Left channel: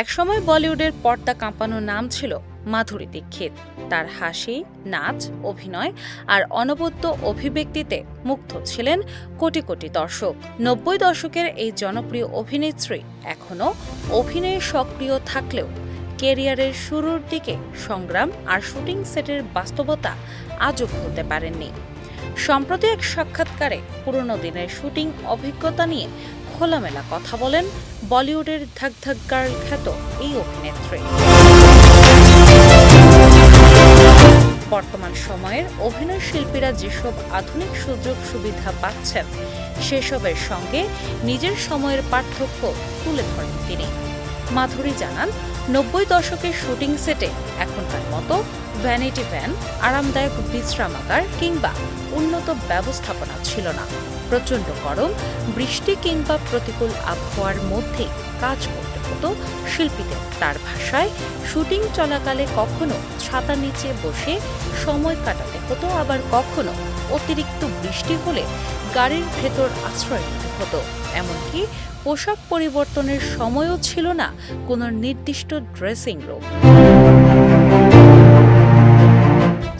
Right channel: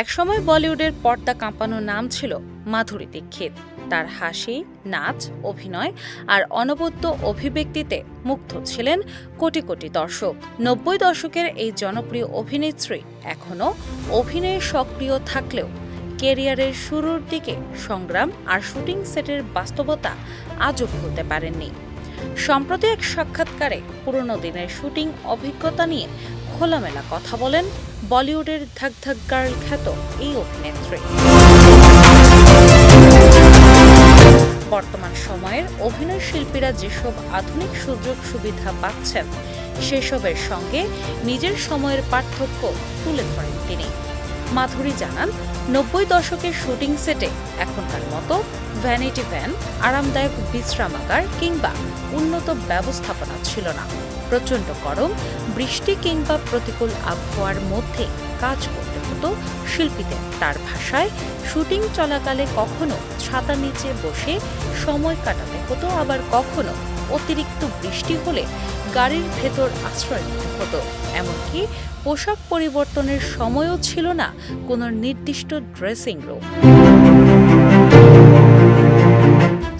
একসময় বলিউডের পর্দা কাঁপানো নাম ছিল মাধুরী দীক্ষিত। তার হাসি, নাচ, অভিনয় আর অনবদ্য অভিব্যক্তিতে মুগ্ধ ছিলেন কোটি কোটি দর্শক। ৯০ দশকের এই জনপ্রিয় অভিনেত্রী এখনও অভিনয়ে সক্রিয় থাকলেও ক্যারিয়ারের শুরুর দিকে সংগ্রাম আর শুটিং সেটের বাস্তবতা আজও ভুলতে পারেননি। সম্প্রতি এক সাক্ষাৎকারে পুরনো দিনের শুটিং অভিজ্ঞতা নিয়ে খোলামেলা কথা বলেন বলিউডের ধাক ধাক গার্ল খ্যাত এই অভিনেত্রী। বর্তমান সময়ের অভিনয় শিল্পীরা যেসব আধুনিক সুযোগ সুবিধা পাচ্ছেন সেসবের সঙ্গে নিজের সময়ের পার্থক্য তুলে ধরেন তিনি। মাধুরী জানান, ৯০ দশকের শুটিং সেটে এখনকার মতো ভ্যানিটি ভ্যান, আরামদায়ক বিশ্রামাগার কিংবা উন্নত ব্যবস্থাপনা ছিল না। প্রচণ্ড গরম, বৃষ্টি কিংবা প্রতিকূল আবহাওয়ার মধ্যে কাজ করতে হতো শিল্পীদের। তার ভাষায়, শুটিং চলাকালে কখনো ছাতার নিচে বসে সময় কাটাতে হতো, আবার কখনো অতিরিক্ত বৃষ্টি হলে গাড়ির ভেতর আশ্রয় নিতে হতো। এমনকি পোশাক পরিবর্তনের সময়ও ছিল না কোনো নির্দিষ্ট ড্রেসিং রুম।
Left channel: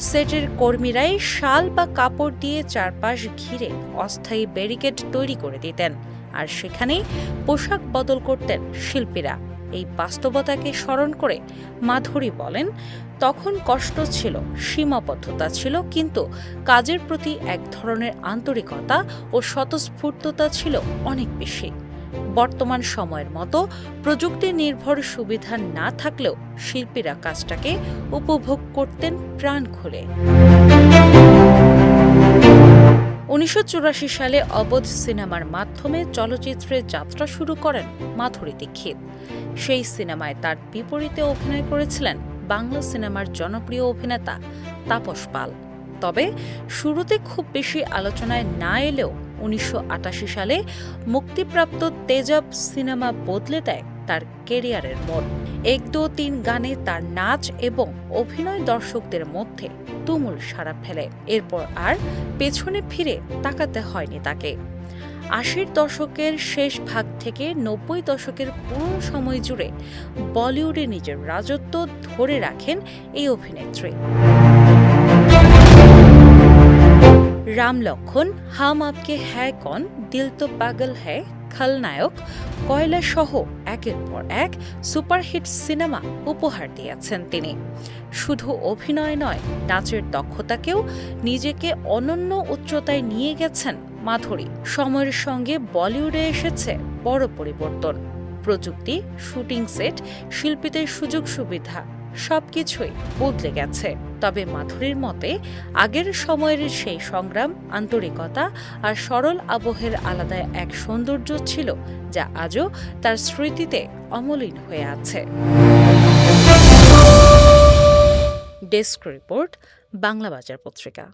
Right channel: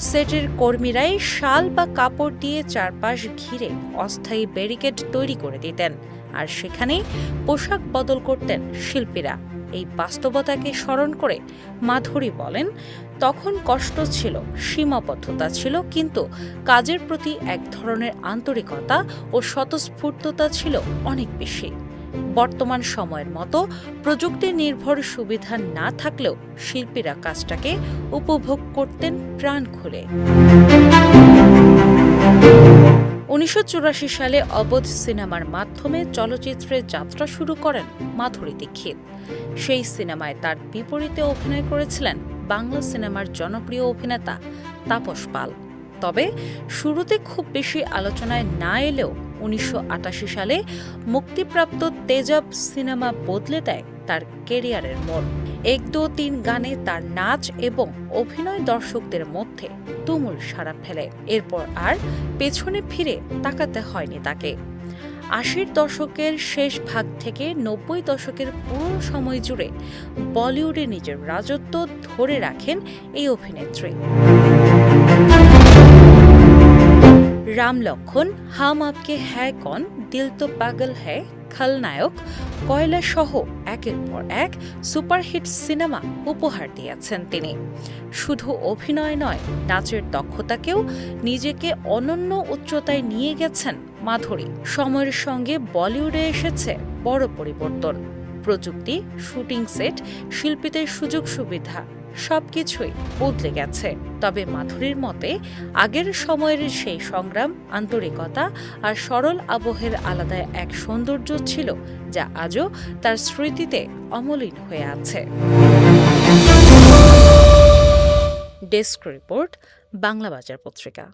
সেটের কর্মীরাই শাল বা কাপড় দিয়ে চারপাশ ঘিরে অস্থায়ী ব্যারিকেড তৈরি করে দিতেন, আর সেখানেই পোশাক বদল করতেন শিল্পীরা। এই বাস্তবতাকে স্মরণ করে মাধুরী বলেন, তখন কষ্ট ছিল, সীমাবদ্ধতা ছিল, কিন্তু কাজের প্রতি এক ধরনের আন্তরিকতা ও স্বতঃস্ফূর্ততা ছিল অনেক বেশি। বর্তমান সময়ের মতো প্রযুক্তি নির্ভর সুবিধা না থাকলেও শিল্পীরা কাজটাকে উপভোগ করতেন প্রাণ খুলে। ১৯৮৪ সালে অবধ সিনেমার মাধ্যমে চলচ্চিত্রে যাত্রা শুরু করেন মাধুরী দীক্ষিত। সেই সিনেমায় তার বিপরীতে অভিনয় করেছিলেন বাংলা সিনেমার জনপ্রিয় অভিনেতা তাপস পাল। তবে শুরুতে খুব বেশি আলোচনায় না এলেও ১৯৮৮ সালে মুক্তিপ্রাপ্ত তেজাব সিনেমা বদলে দেয় তার ক্যারিয়ারের মোড়। ১, ২, ৩ গানে তার নাচ এবং অভিনয় দর্শকদের মধ্যে তুমুল সাড়া ফেলে। এরপর আর পেছনে ফিরে তাকাতে হয়নি তাকে। ৮০ দশকের শেষ ভাগ থেকে ৯০ দশকের পুরো সময় জুড়ে বলিউডে নিজের রাজত্ব ধরে রাখেন এই অভিনেত্রী। রাম লক্ষণ, হাম আপকে হ্যায় কন, দিল তো পাগল হ্যায়, খলনায়ক, কয়লা সহ একের পর এক সুপারহিট সিনেমা উপহার দিয়েছেন তিনি। শুধু অভিনয় নয়, নাচের দক্ষতাকেও নিজেকে অনন্য উচ্চতায় নিয়ে গেছেন মাধুরী। সময়ের সঙ্গে বলিউডে এসেছে বড় পরিবর্তন। প্রযুক্তি, শুটিং সেট, শিল্পীদের সুযোগ সুবিধা সবকিছুই বদলে গেছে। তবে মাধুরীর মতে আগের সময়ের সেই সংগ্রাম, আন্তরিকতা আর সরল আবহের আলাদা এক সৌন্দর্য ছিল, যা আজও তার স্মৃতিতে অমলিন হয়ে আছে। ডেস্ক রিপোর্ট, বাংলা বাজার পত্রিকা।